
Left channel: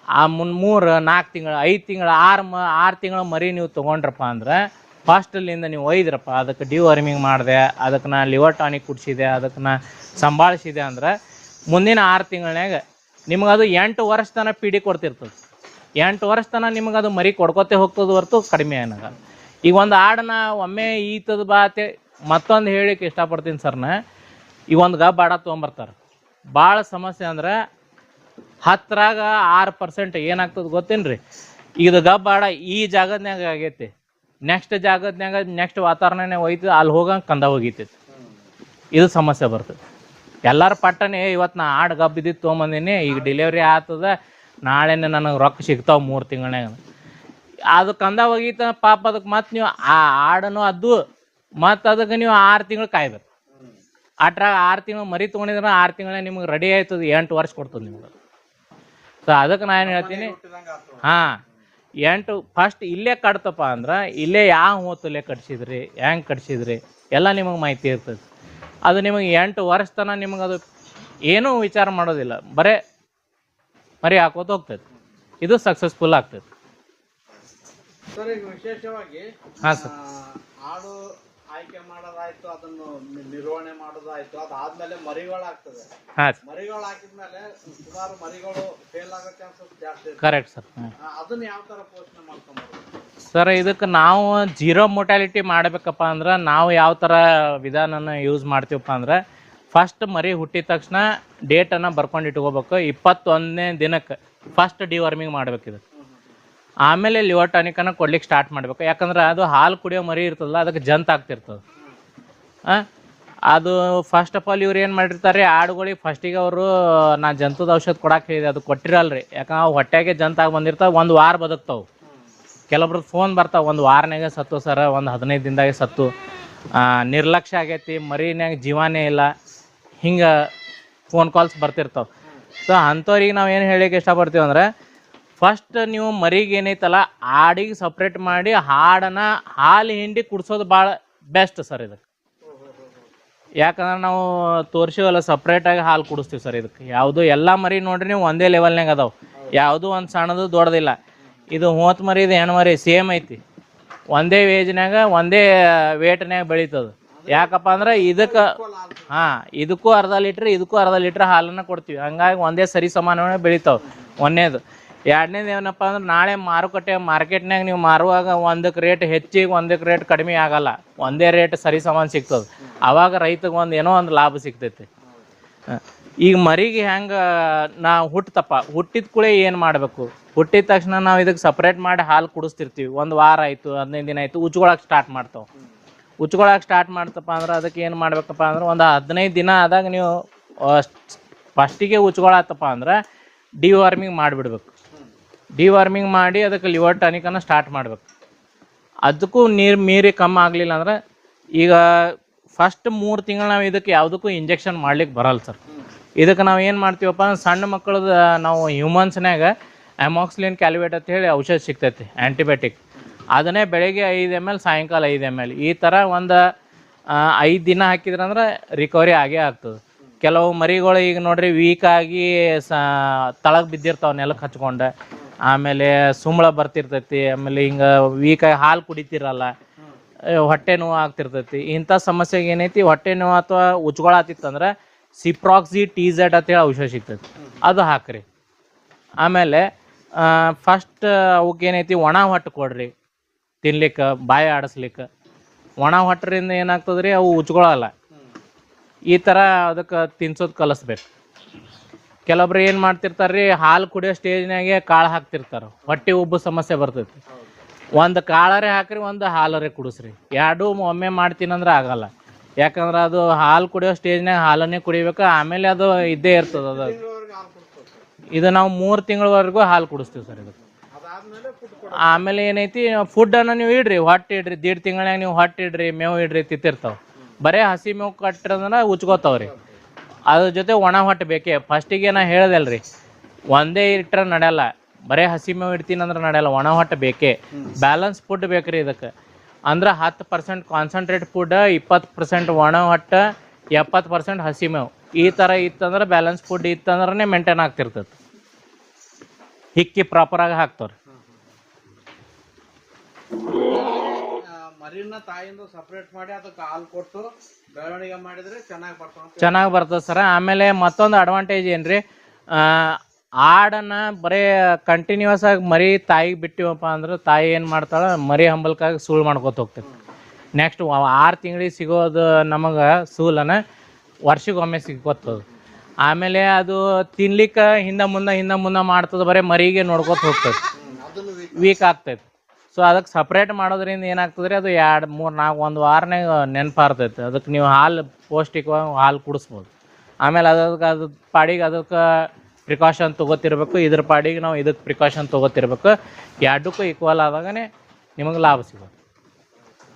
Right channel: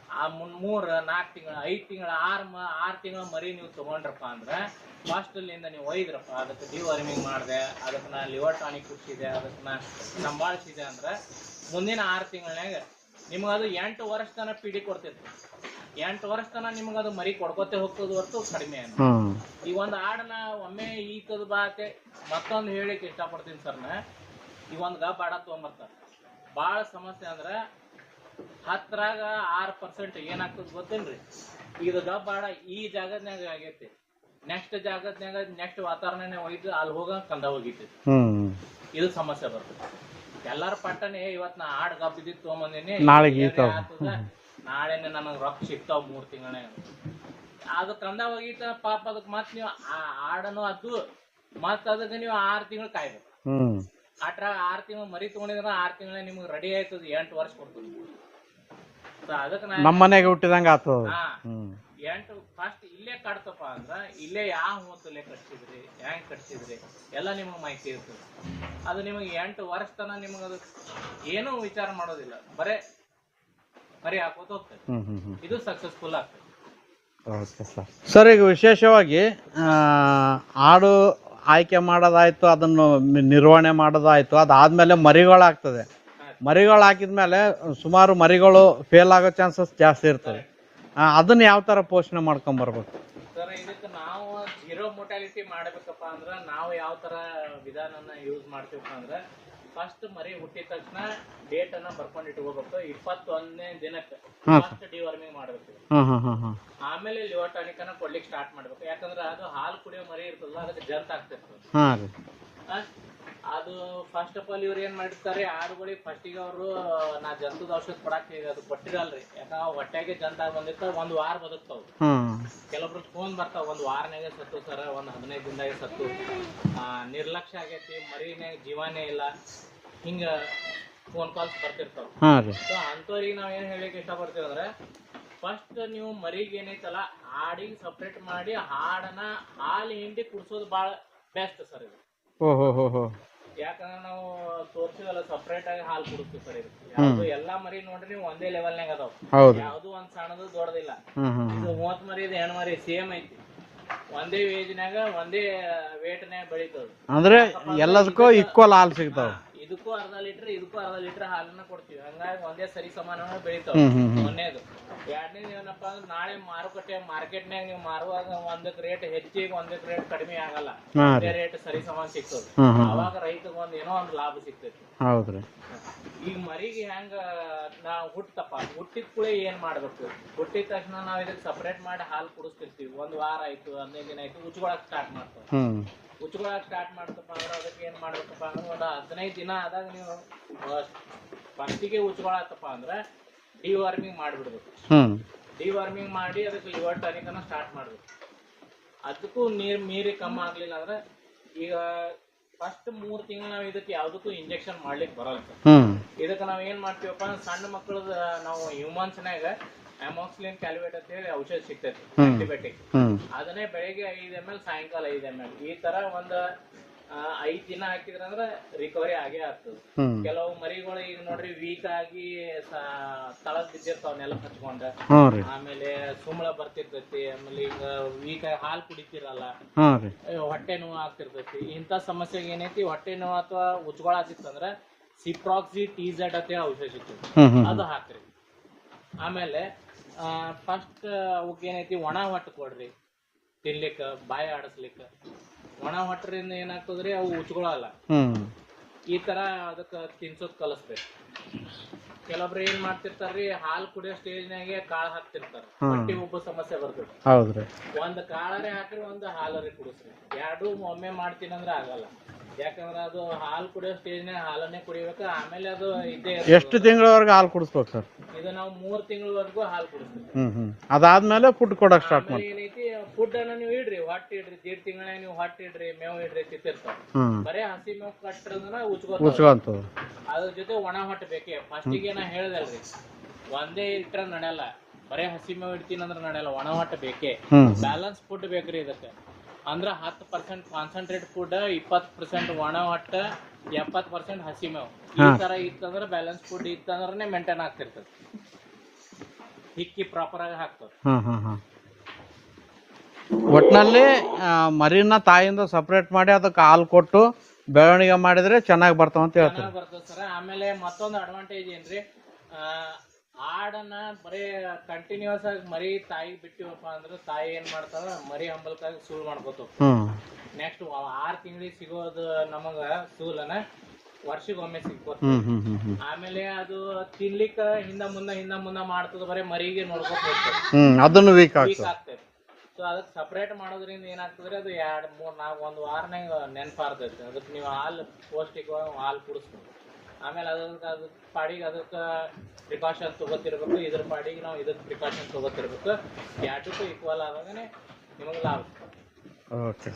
ಆ 3-4 ತಿಂಗಳು 5 ತಿಂಗಳು 6 ತಿಂಗಳ ಮರಿ ನೀವು ತೊಗೊಂಡ್ರಪ್ಪ ಅಂದ್ರೆ ಫಾಸ್ಟಲ್ಲಿಂದ ನೀವು ಒಯ್ದ್ರಪ್ಪ, ಅದಕ್ಕೆ ಡಿವರ್ಮಿಂಗ್ ಮಾಡಿದೆ, ಅದಕ್ಕೆ ನಾ ಲಿವರ್ ಟಾನಿಕ್ ಕುಡಿಸಿದೆ, ಅದಕ್ಕೆ ನಾ ಸಂಭಾಳಿಸಿದೆ ಅಂದ್ರೆ ಮುಂದಿನ 6 ತಿಂಗಳನ್ಯಾಗ ನಿಮಗದು 8 ವರ್ಷ ತನಕ ಪೀಡಿ ಕೊಡ್ತಿರ್ತದೆ. 8 ವರ್ಷ ತನಕ ನಿಮಗದು ಮರಿ ಕೊಡ್ಕೊತೆ ಹೋಗ್ತದೆ ಹೊರತು ಕಡಿಮೆ ಏನ. ಈಗ ಒಂದು ಆಡನ್ನ ಒಮ್ಮೆ ಈತದ ಬಾತೆ ಮತ್ತೊಂದು ಹೇಳಿಕ್ಕೆ ಇಷ್ಟಪಡ್ತೀನಿ ಸರ್ನ, ಈಗ ಒಂದು ಗಬ್ಬ ಆಡ ತೊಗೊಂಬರ್ತಾರೆ. ಭಾಳ ಸಮಸ್ಯೆ ಅಂದ್ರೆ 10ರಾಗ 6% ಏನಾಗ್ತದೆ ಗೊತ್ತೇನ್ರಿ, ಇದು ಗಬ್ಬ ಆಡ ಈ ಜಾಗದ್ನಾಗ ಆಗೈತಿ, ನೆಕ್ಸ್ಟ್ ಜಾಗದ್ನಾಗ ನೆಕ್ಸ್ಟ್ ವಾತಾವರಣನೇ ಹೋಯ್ತು, ಅಲ್ಲಿ ಹೋಗಂಗೆ ಕಂದ ಹೋಗಿತೈತಿ. ಇದು ಸಮಸ್ಯೆ ಬರ್ತದೆ. ಎಲ್ಲರ ಪಟ್ಟನೆ ಇವತ್ತು ನಾ ಆಡು ಗಬ್ಬ ಇದ್ದಿದ್ದು ತೊಗೊಂಬಂದಿನಿ, ಡೆಲಿವರಿ ಆಗ್ತದ, ನಾಳೆನೇ ನನಗೆ ರೊಕ್ಕ ಸಿಗ್ತಾವ 3 ತಿಂಗಳನ್ಯಾಗ. ಅದು ಕಂದ ಹೋಗಿತ್ತ ಪಾಪ, ಅದಕ್ಕೆ ಮತ್ತೆ ನೀವು ಆ ಆಡನು ಅದು ಮತ್ತು ಅದಕ್ಕೆ ನೀವು 6 ತಿಂಗಳು ಕಾಯ್ಬೇಕು. ಅಟ್ರಾಗ 6 ತಿಂಗಳು ಮರಿ ತೊಗೊಂಡಿದ್ರೆ 6 ತಿಂಗಳ ನಿಮ್ಗೆ ರೆಡಿ ಆಯ್ತದ, 8 ವರ್ಷ ಕೊಡ್ತದೆ ನಿಮ್ಗೆ. ಸೊ ಅದಕ್ಕೆ ನಾನು ಮನೆಗೆ ಹುಟ್ಟಿದಂಗೆ ಆಗ್ತದೆ. 8 ಫಸ್ಟ್ ಇಲ್ಲೇ ಕಟ್ತಪ್ಪ ಅಂದ್ರೆ ಇಲ್ಲೇ ಯಾವ ಹೊತ್ತಲ್ಲೇ ಕಟ್ಸಿದ್ರಿ, ಹೆಂಗೆ ಕಟ್ಸಿದ್ರಿ ಎಲ್ಲ ನಿಮಗೆ ಮಾಹಿತಿ ಇರ್ತದೆ. ಅದು ನಿಮಗೆ 8 ವರ್ಷ ತನಕ ನಿಮಗೆ ಅದು ಏನೂ ವಿಚಾರ ಮಾಡೋದಿಲ್ಲ, ಬರೇ ಮರಿ ಹಾಕೋತ ಹೋಗ್ತದೆ. ಇದು ಸಕ್ಸಸ್ಫುಲ್ ಆಗ್ತದೆ. ಸರ್, ಈಗ ವಿಶೇಷವಾಗಿ ಆಡು ಆಯ್ಕೆ ಮಾಡೋದಾಯ್ತು, ಅದನ್ನು ನಿರ್ವಹಣೆ ಮಾಡೋದಾಯ್ತು, ಅದಾದ್ಮೇಲೆ ಮರಿಗಳಾಗ್ತದೆ. ಮರಿಗಳು ಹಾಕಿದ್ಮೇಲೆ ಸುಮಾರು ಮರಿಗಳು ಫೇಲ್ ಆಗೋ ಚಾನ್ಸಸ್ ಜಾಸ್ತಿ ಇರ್ತದೆ. Correct sir. ಅದನ್ನ ಯಾವ ತರ ಪೋಷಣೆ ಮಾಡ್ಕೊಂಡ್ ಬರ್ಬೇಕು ಸರ್? ಇದಕ್ಕೆ ನಾವು 0 ಮೊಟಾಲಿಟಿ ಮಾಡಬೇಕಪ್ಪ ಅಂದ್ರೆ ನಾವು ಯಾವ ಥರ ವಿಧಾನನ ಯೂಸ್ ಮಾಡ್ತೀವಪ್ಪ ಅಂದ್ರೆ, ಫಸ್ಟ್ ಮರಿ ಹುಟ್ಟಿದ ತಕ್ಷಣ ಡೇಟನ್ನು ಬರ್ಕೊಂಡು ಇಟ್ಕೋಬೇಕು. 21ನೇ ದಿನಕ್ಕೆ ಫಸ್ಟ್ ಡಿವರ್ಮಿಂಗ್ ಮಾಡ್ಬೇಕಿದೆ. ಆಮೇಲೆ ಲಿವರ್ ಟಾನಿಕನ್ನು ಕೊಡ್ಲಿಕ್ಕೆ ಸ್ಟಾರ್ಟ್ ಮಾಡ್ಬೇಕು. ಯಾಕಂದ್ರೆ ಅದು ಹಾಲು ಕುಡಿಯೋ ಮರಿ ಇರ್ತದಲ್ಲ, ಅದಕ್ಕೆ ಜಂತ್ ಆಗ್ತಿರ್ತದೆ. ಅದು ಫಸ್ಟ್ ಆಫ್ ಆಲ್ ಇವ್ರು ಏನು ಮಾಡಿರ್ತಾರೆ, ಆಡುಗಳಿಗೆ ಫಸ್ಟಿಗೆ ಅವರು ನಾ ಜಂತುದ ಔಷಧ ಕೊಡಕ್ಕೆ ಹೇಳಿದೆ, ಅದು ಕೊಟ್ಟಿರಲ್ರಿ. ಯಾಕಂದ್ರೆ ಹೊಟ್ಟೆಗೆ ಜಂತಾಗಿ ಬಂದಿರ್ತಾವೆ, 1 ವಾರ ಬದುಕ್ತಾವೆ. ಕೆಲವೊಬ್ರು ಫೋನ್ ಬರ್ತಾವೆ 1 ವಾರನಾಗೆ ಸತ್ತು ಸರ, ಒಂದು 15 ದಿನದಾಗೆ ಸತ್ತು, ನಿರ್ಲಕ್ಷ್ಯ ಆಗೈತಿ, ಮರಿನ್ಯಾಗ ಜೀವಾನೇ ಇಲ್ಲ, ಹಿಂಗೆ ಫೋನ್ ಕಾಲ್ಸ್ ಬರ್ತಿರ್ತಾವೆ. ಸೊ ಅಂಥವ್ರಿಗೆ ನಾವು ಏನು ಹೇಳಿಕ್ಕೆ ಇಷ್ಟಪಡ್ತೀವಿ ಅಂದ್ರೆ, ಫಸ್ಟ್ ನೀವು ಮರಿಗೆ ಏನೈತಲ್ಲ ಆಡಿಗೆ ಸಪ್ರೇಟ್ ಮಾಡಿ ಹಾಲು ಹಿಂಡಿ ಕುಡಿಸೋದು ಭಾಳ ಬೆಸ್ಟ್ ಸರ್ ಇದಕ್ಕೆ. ಯಾಕಂದ್ರೆ ನಾವು ತೋರಿಸಿವಲ್ಲ ಸಪ್ರೇಟಾಗಿ ಹಾಲು ಕುಡಿಸ್ತೀವಿ ಸರ್ ಇದಕ್ಕೆ. ಯಾವುದು ಎಲ್ಲ ಮರಿ ನೋಡ್ರಿ ನೀವು ಒಂದೇ ಲೆವೆಲ್ನಾಗ ಅದಾವ, ಯಾವುದು ಒಂದು ಸಣ್ಣದು ದೊಡ್ಡದಿಲ್ಲ. ಇದು ಹೋತ್ ಮರಿ, ಇದು ಹೆಣ್ಣು ಮರಿ ಸೇಮ್ ಐತಿ, ಒಂದೇ ವೇಜ್ನಾಗ ಒಂದೇ ವೇಟ್ನಾಗ ಬೆಳೀತದ. ಯಾಕಪ್ಪ ಅಂದ್ರೆ ಇದಕ್ಕೂ ಅರ್ಧ ಲೀಟ್ರ್ ಇದಕ್ಕೂ ಅರ್ಧ ಲೀಟ್ರ್ ಹಾಲನ್ನ ಕೊಡ್ತೀವಿ. ಹಂಗಾಗಿ ಒಂದೇ ಸರಿ ಸಮಾನವಾಗಿ ಬೆಳಿತಾವ. ಒಂದೇದು. ಎರಡನೇದು ಏನಪ್ಪ ಅಂದ್ರೆ, ನಾಳೆ ಮಾರ್ಕೆಟ್ನಾಗ ನೀವು ಮಾರುವಾಗ ಒಂದಕ್ಕೆ ರೇಟ್ ಹೆಚ್ಚಿಗೆ ಒಂದಕ್ಕೆ ರೇಟ್ ಕಡಿಮೆ ಆಗಲ್ಲ, ಒಂದೇ ರೇಟ್ ಸರಿ ಸಮಾನ ಸಿಗ್ತದ. ಅವಾಗ ರೈತಗೆ ಏನೋ ಒಂದು ಲಾಭ ಸಿಗ್ತೈತಿ. ಈಗ ಮರಿಗೆ ಹೆಂಗ ನಾವು ಹುಟ್ಟಿದ ಕೂಡಲೇ ಏನು ಮಾಡಬೇಕು, ಹುಟ್ಟಿದ ತಕ್ಷಣ ನಾವು ಇದಕ್ಕೆ ಸಪ್ರೇಟ್ ಮಾಡಿ ಹಾಲು ಕುಡಿಸ್ತಿರ್ತೀವಿ. 1 ವಾರ ಆಯ್ತು, 15 ದಿನ ಆಯ್ತು, ಉಚ್ಕೊಳಕ್ ಸ್ಟಾರ್ಟ್ ಮಾಡ್ತಾವೆ. ಉಚ್ಕೊಳಕ್ ಸ್ಟಾರ್ಟ್ ಮಾಡ್ತಪ್ಪ ಅಂದ್ರೆ ಅದಕ್ಕೆ ಏನು ಮಾಡ್ಬೇಕಪ್ಪ ಅಂದ್ರೆ, ಒಂದು 15 ದಿನ ಆದಾಗ ನೀವು ಫಸ್ಟಿಗೆ ಉಚ್ಕೊಳತ್ತಪ್ಪ ಅಂದ್ರೆ ಡಿವಾರ್ಮಿಂಗ್ ಮಾಡಿಬಿಡ್ಬೇಕು. ಡಿವಾರ್ಮಿಂಗ್ ಮಾಡಿ ಅದಕ್ಕೆ ಲಿವರ್ ಟಾನಿಕನ್ನು ಸ್ಟಾರ್ಟ್ ಮಾಡ್ಬೇಕು. ಅದಕ್ಕೂ ನೀರು ಮೀರಿ ಕಮ್ಮಿ ಆಗಲಿಲ್ಲ ಅಂದ್ರೆ, ಈಗ ಫಸ್ಟ್ 3 ತಿಂಗಳು ನಾವು ಇದಕ್ಕೆ ಯಾವುದಕ್ಕೂ ಇಂಜೆಕ್ಷನ್ ಮಾಡ್ಲಿಕ್ಕೆ ಬರಲ್ಲ ಸರ್. ಇದಕ್ಕೆ ನಾವು ಏನು ಮಾಡ್ತೀವಪ್ಪ, ಸಣ್ಣ ಮಕ್ಕಳದ ನಾವು ಹ್ಯೂಮನ್ಸ್ನಾಗ ಅಮಾಕ್ಸಿಲಿನ್ ಕ್ಯಾಲ್ವೇಟ್ ಅಂತ ಹೇಳಿ ಔಷಧ ಸಿಗ್ತೈತಿ, ಆಂಟಿಬಯೋಟಿಕ್. ಅದನ್ನೇ ಬೆಳಗ್ಗೆ 5 ml, ಸಾಯಂಕಾಲ 5 ml, ಈ ಥರ ಒಂದು 5 ದಿನ ಹಾಕಿದ್ರಂದ್ರೆ ರಿಕವರಿ ಆಗೇ ಆಗ್ತದೆ. ಕೆಲವು ಮರಿಗಳು ಈಗ ನೋಡ್ರಿ ವೀಕ್ ಆಗಿ ತಳಗ್ ಬಿದ್ದಿರ್ತಾವ, ನೆಲಕ್ಕೆ ಹಚ್ಕೊಂಡ, ಆಮೇಲೆ ಸುಂಬಳ ಬರ್ತಿರ್ತೈತಿ, ಆಮೇಲೆ ಹಿಂಗ ವೀಕ್ ಆಗಿ ಹಾಲು ಕುಡಿತಿರಲ್ಲ, ಹೊಟ್ಟೆ ನೋವು ಆಗ್ತಿರ್ತೈತಿ. ಇಂಥ ಸಮಸ್ಯೆಗೆ ಏನೈತಿ, ಹೊಟ್ಟೆ ನೋವು ಅಥವಾ ಉಚ್ಕೊಳತಿತ್ತಂದ್ರೆ ಸಿಪ್ರಾಕ್ಸಿ TZ ಅಂತೇಳಿ ಔಷಧ ಸಿಗ್ತೈತಿ, ಅದು ಹಾಕ್ರಿ. ಆಮೇಲೆ ಫಸ್ಟ್ ಅವಕ್ಕೇನೈತಿ, ಒಣ ಹೊಟ್ಟು ಕೊಡ್ರಿ ತಿನ್ಲಿಕ್ಕೆ, ಬಾಯಿ ಆಡಿಸ್ಲಿಕ್ಕೆ. ಒಣ ಹೊಟ್ಟರಿಂದ ಏನಾಗ್ತದ್ರಿ, ಅವು ಉಚ್ಕೊಳಲ್ಲ. ಈ ಥರ ಅದಕ್ಕೆ ತಿನ್ಸೋದು ಕಲಿಸ್ಬೇಕು. ಕೆಲವೊಬ್ರು ಏನು ಮಾಡ್ತಿರ್ತಾರ್ರಿ, ಹಾಲು ಕುಡಿಯೋ ಸ್ಟೇಜ್ನಾಗೆ ಕಾಳು ಹಾಕ್ತಿರ್ತಾರೆ, ಹೊಟ್ಟೆ ಉಬ್ಬು ಸಮಸ್ಯೆ ಬರ್ತೈತಿ. ಒಂದು ಕಾಳರೇ ಹಾಕ್ರಿ, ಒಂದು ಹಾಲರೇ ಕುಡಿಸ್ರಿ. ಎರಡೂ ಒಮ್ಮೆ ಮಾಡ್ತೀನಂದ್ರೆ ಆಗಲ್ಲ. ಯಾಕಂದ್ರೆ ಅದು ಹಾಲು ಕುಡಿಯೋ ಸ್ಟೇಜ್ನಾಗ ಹಾಲನ್ನೇ ಕುಡಿಬೇಕು, ಆಮೇಲೆ ಅದು ಇದ್ದೇ ಇರ್ತದೆ. ಎಷ್ಟು ತಿಂಗಳವರೆಗೂ ಹಾಲು ಕುಡಿಸ್ಬೇಕು ಸರ್? ಇದು ನಾವು 3 ತಿಂಗಳವರೆಗೂ ಹಾಲು ಕುಡಿಸ್ತೀವಿ ಸರ್. ಅದಾದ್ಮೇಲೆ ಫುಡ್ ಕೊಡ. ಆಮೇಲೆ ಏನೈತಿ, ಫುಡ್ ಅನ್ನ ನೀವು ಇಡ್ರಿ, ಹೊಟ್ಟೆ ಇಡ್ರಿ, 1.5 ತಿಂಗಳಾಗ ನೀವು ಹೊಟ್ಟೆ ಇಡ್ರಿ, ಮೇವು ಇಡ್ರಿ, ತಿಂತಿರ್ತಾವ. ಬರೇ ಹಸಿ ಮೇವು ಕಟ್ಟಿರೋದ್ರ ಉಚ್ಕೋತಾವ. ಅದ್ರ ಜೊತೆ ಒಣ ಹೊಟ್ಟೆ ಬೇಕೇ. ಫಸ್ಟಿಗೆ ನಾ ಹೇಳ್ದಲ್ರಿ, ಒಂದೇ ಇಟ್ರ ನಡೆಯಲ್ಲ, ಬರೇ ಹಸಿ ಮೇವು ಇಡ್ತೀನಿ ಅಂದ್ರೆ ನಡೆಯಲ್ಲ, ಒಣ ಹೊಟ್ಟೆ ಬೇಕೇ. ಬ್ಯಾಲೆನ್ಸ್ ಫುಡ್ ಬೇಕ್ರಿ ಇದಕ್ಕೆ. ಅಂದ್ರೆ 10% ಕಾನ್ಸಂಟ್ರೇಟ್ ಫುಡ್, 20% ಒಣ ಹೊಟ್ಟೆ, 70% ಹಸಿ ಮೇವು. ಈ ಥರ ಇತ್ತಂದ್ರೆ ಬ್ಯಾಲೆನ್ಸ್ ಫುಡ್ ಇತ್ತಂದ್ರೆ ಮೇಂಟೈನ್ ಆಗ್ತಿರ್ತೈತಿ. ಹಿಕ್ಕಿ ಪ್ರಾಪರಾಗಿ ಹಾಕ್ತಾರೆ. ಒಟ್ಟಿನಲ್ಲಿ ಮರಿನ ತಾಯಿಯಿಂದ ಸಪ್ರೇಟ್ ಮಾಡಿ ಅದಕ್ಕೆ ಹಾಲು ಕೊಟ್ಟು ಬೆಳವಣಿಗೆ ಮಾಡಿದ್ರೆ ಚೆನ್ನಾಗಿ ಬರ್ತಾವಂತ. ಚೆನ್ನಾಗಿ ಬರ್ತದೆ ಸರ್. ಆಮೇಲೆ ಮತ್ತೊಂದು ಅಡ್ವಾಂಟೇಜ್ ಏನ್ರಿ, ಆಡನ್ನ ಬರೀ ಕಂಟಿನ್ಯೂಸ್ ಆಗಿ ಮರಿ ತಾಯಿಗೆ ಬಿಟ್ಟಿವಪ್ಪ ಅಂದ್ರೆ ತಾಯಿ ಏನು ಮಾಡ್ತಾಳೆ, ಮರಿ ಹಂಬಲ್ಕಾಗಿ ಸೂಳು ಮಾಡ್ಕೊತ ಹೋಗ್ತದೆ. ನೆಕ್ಸ್ಟ್ 6 ತಿಂಗಳಿಗೆ ಸಿಗೋದು ನಮಗೆ ಸೂಲನ ವರ್ಷಕ್ಕೊಮ್ಮೆ ಸಿಕ್ಕೋತ. ಆಮೇಲೆ ಅದು ತಿನ್ಲಿಕ್ಕೆ ಹಿಂದೆ ಮುಂದೆ ಮಾಡ್ತದೆ, ಬರೀ ಮರಿಗೆ ನೋಡ್ಕೊತ ಹೋಗ್ತದೆ, ಅದನ್ನು ವೀಕ್ ಆಗ್ತೈತಿ. ಸೊ ಅದಕ್ಕೆ ಸಪ್ರೇಟ್ ಮಾಡೋದ್ರಿಂದ ಏನಾಗ್ತದೆ ರೀ, ಅದು 2, 3, 4 1 ವಾರನಾಗ ನೆನಪಾರ್ತೈತೆ. ಅದಕ್ಕೆ ನೀವು ಹಾಲು ಪೌಷ್ಟಿಕವಾಗಿ ಹಾಲು ಕುಡಿಸ್ಬೋದು. ಆಮೇಲೆ ಅದು ಪಾಡಿಗೆ ಅದಕ್ಕೆ ಪ್ರಿಕಾಷನ್ ತೊಗೋತಿರ್ಬೇಕು, ಇದ್ರ ಪಾಡಿಗೆ ನಾವು ಇದಕ್ಕೆ ಪ್ರಿಕಾಷನ್ ತೊಗೋತಿರ್ಬೇಕು. ಎರಡಕ್ಕೂ ಈಕ್ವಲ್ ಆದಾಗನೇ ನಿಮಗೆ ಲಾಭ ಸಿಗುತ್ತೆ. ಓಕೆ.